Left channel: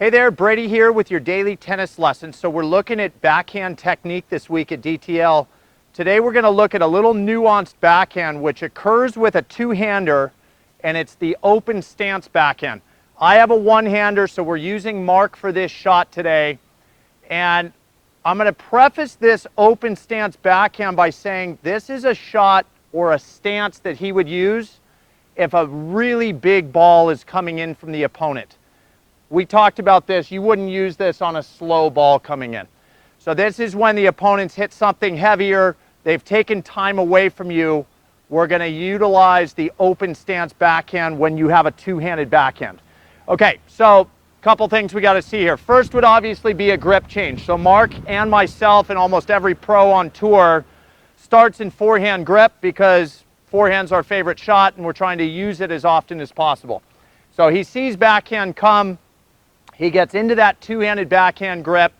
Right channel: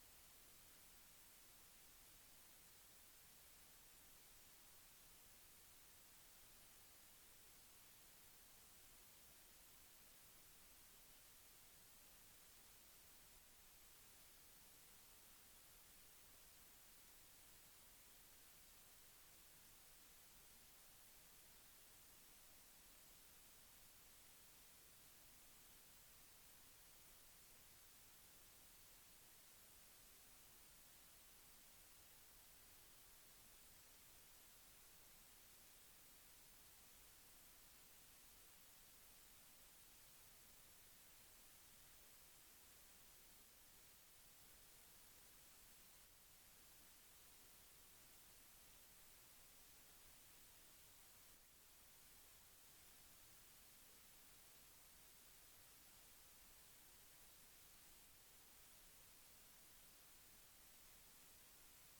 Hey there, Brady here with your daily tennis lesson. So we're looking at backhand technique this week at DTL. Today we're going to look at a little nuanced backhand which occurs with a two-hander, and it's the open stance backhand. I have a one-hander, so we're using Mark for this shot today. And I'm going to preface this open stance backhand by saying this is a shot or a stance that he would use if a really big ball is coming in from the opponent. We talked about this. You wouldn't use this on a slow ball coming in. So this is when the opponents hit something heavier. They've taken time away from you. We're going to utilize the open stance backhand when you have a two-handed backhand. Okay, so a couple things we got to see here. First would obviously be a grip change. So Mark and myself and almost every pro on tour starts in forehand grip because forehand's our favorite shot and we're trying to use it as often as possible. So he sees backhand come. He gets into that two-handed backhand grip,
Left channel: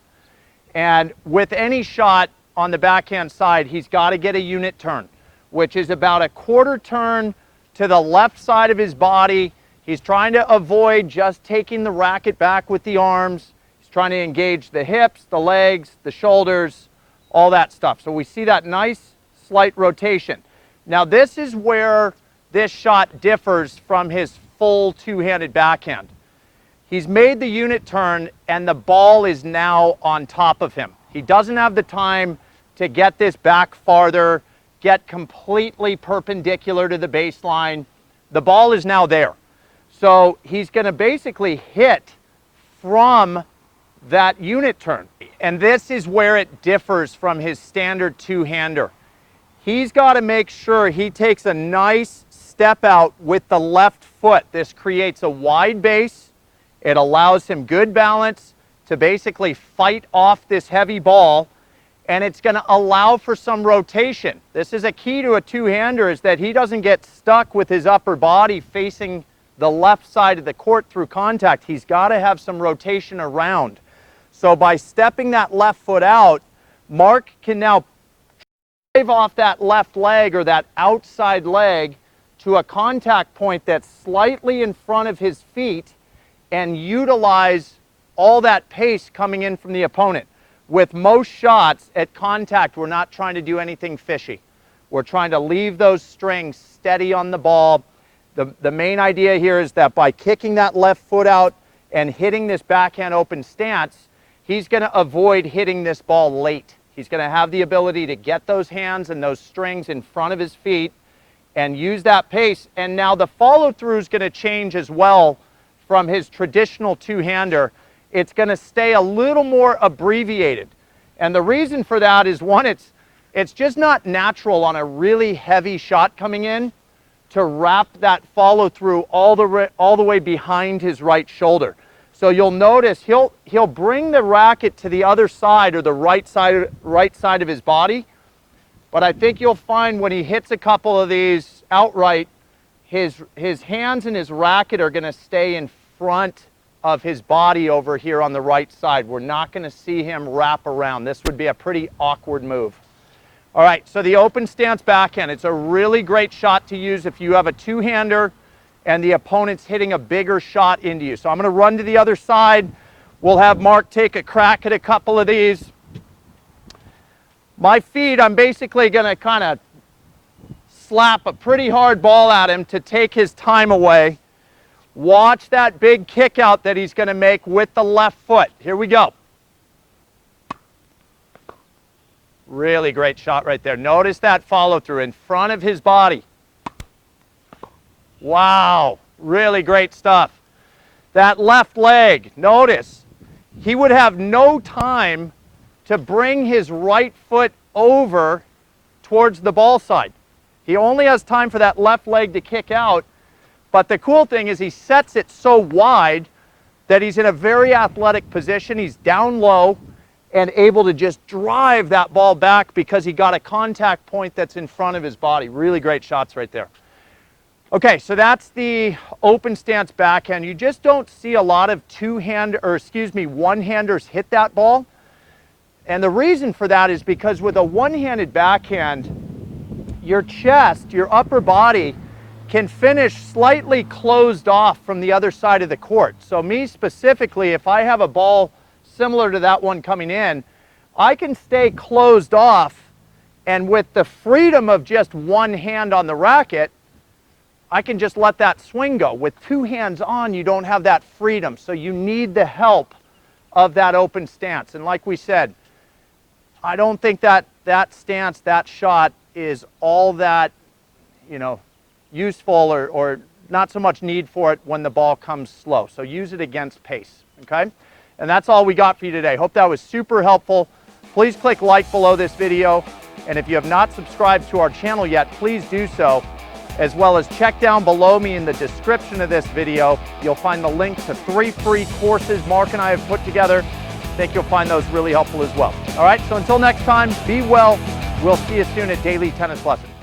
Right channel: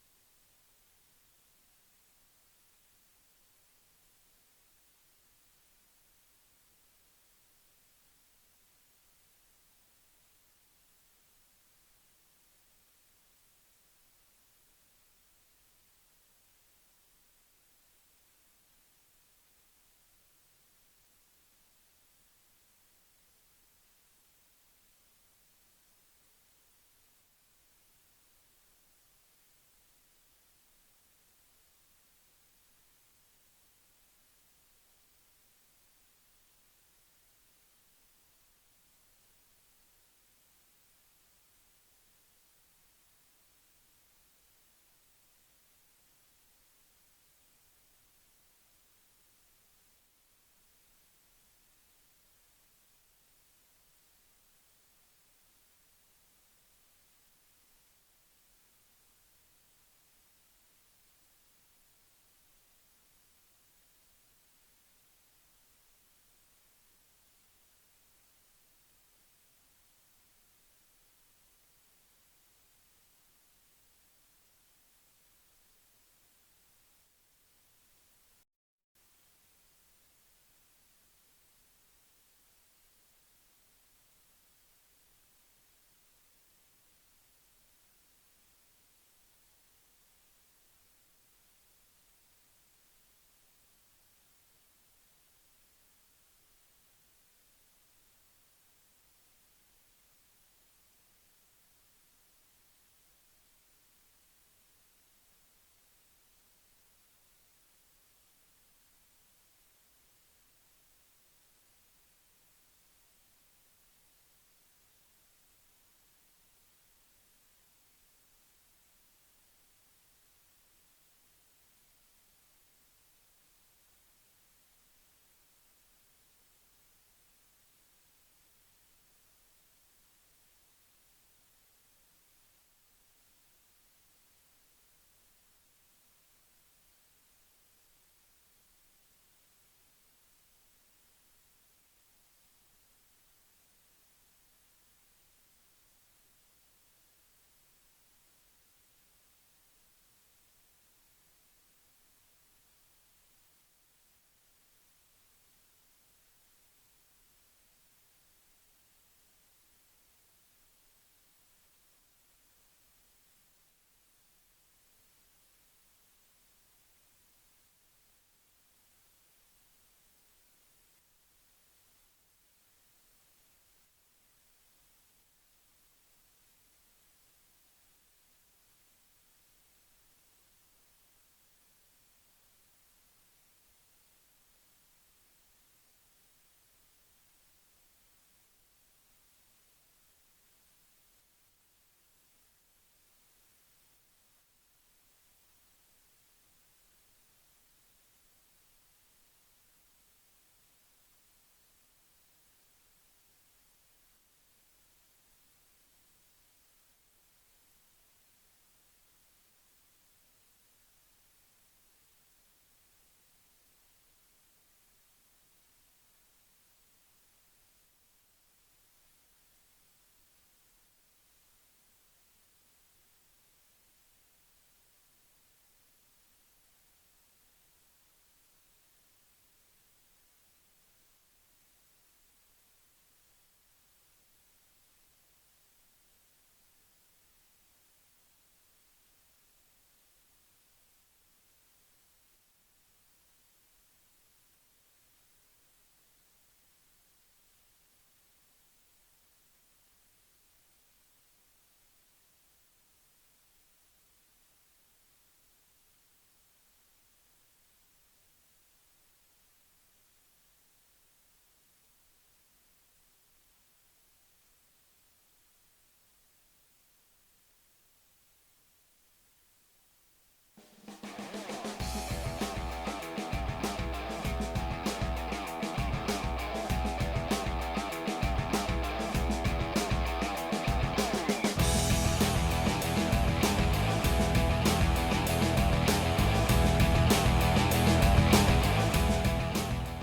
and with any shot on the backhand side, he's got to get a unit turn, which is about a quarter turn to the left side of his body. He's trying to avoid just taking the racket back with the arms. He's trying to engage the hips, the legs, the shoulders, all that stuff. So we see that nice slight rotation. Now this is where this shot differs from his full two-handed backhand. He's made the unit turn and the ball is now on top of him. He doesn't have the time to get this back farther, get completely perpendicular to the baseline. The ball is now there. So he's going to basically hit from that unit turn. And this is where it differs from his standard two-hander. He's got to make sure he takes a nice step out with the left foot. This creates a wide base. It allows him good balance to basically fight off this heavy ball, and it's going to allow for some rotation. This is a key to a two-hander, is that he doesn't get stuck with his upper body facing the left side of the court through contact. He's got to have some rotation around. So by stepping that left foot out, Mark can now drive off that left leg or that outside leg to a contact point that's slightly in front of his feet and utilize all that pace coming in from the opponent. With most shots at contact, we're not trying to do anything fishy. We're trying to leave those strings steady on the ball. The main idea here is that by kicking that left foot out and hitting this backhand open stance, he's going to avoid hitting this ball late. He's going to have the ability to get those hands and those strings in front of his feet and use that pace. And now the follow-through is going to change as well from his traditional two-hander. It's going to stay a little more abbreviated. And the reason for that is, one, it's just not natural on a really heavy shot coming in to wrap that follow-through all the way behind his right shoulder. So you'll notice he'll bring the racket to the other side, or the right side of his body. But I think you'll find when he hits a couple of these outright, his hands and his racket are going to stay in front of his body over here on the right side. We're not going to see him wrap around. This would be a pretty awkward move. All right, so the open stance backhand, it's a really great shot to use if you have a two-hander and the opponent's hitting a bigger shot into you. So I'm going to run to the other side. We'll have Mark take a crack at a couple of these. My feet, I'm basically going to kind of slap a pretty hard ball at him to take his time away. Watch that big kick out that he's going to make with the left foot. Here we go. Really great shot right there. Notice that follow through in front of his body. Wow, really great stuff. That left leg, notice, he would have no time to bring his right foot over towards the ball side. He only has time for that left leg to kick out. But the cool thing is he sets it so wide that he's in a very athletic position. He's down low and able to just drive that ball back because he got a contact point that's in front of his body. Really great shots right there. Okay, so that's the open stance backhand. You just don't see a lot of one-handers hit that ball. And the reason for that is because with a one-handed backhand, your chest, your upper body, can finish slightly closed off from the other side of the court. So me specifically, if I have a ball similar to that one coming in, I can stay closed off, and with the freedom of just one hand on the racket, I can just let that swing go. With two hands on, you don't have that freedom, so you need the help of that open stance. And like we said, I don't think that stance, that shot is all that, you know, useful or not so much need for it when the ball comes slow. So use it against pace, okay? And that's all we got for you today. Hope that was super helpful. Please click like below this video. And if you have not subscribed to our channel yet, please do so, as well as check down below me in the description of this video. You'll find the link to 3 free courses Mark and I have put together. I think you'll find those really helpful as well. All right, so until next time, be well. We'll see you soon at Daily Tennis Lessons.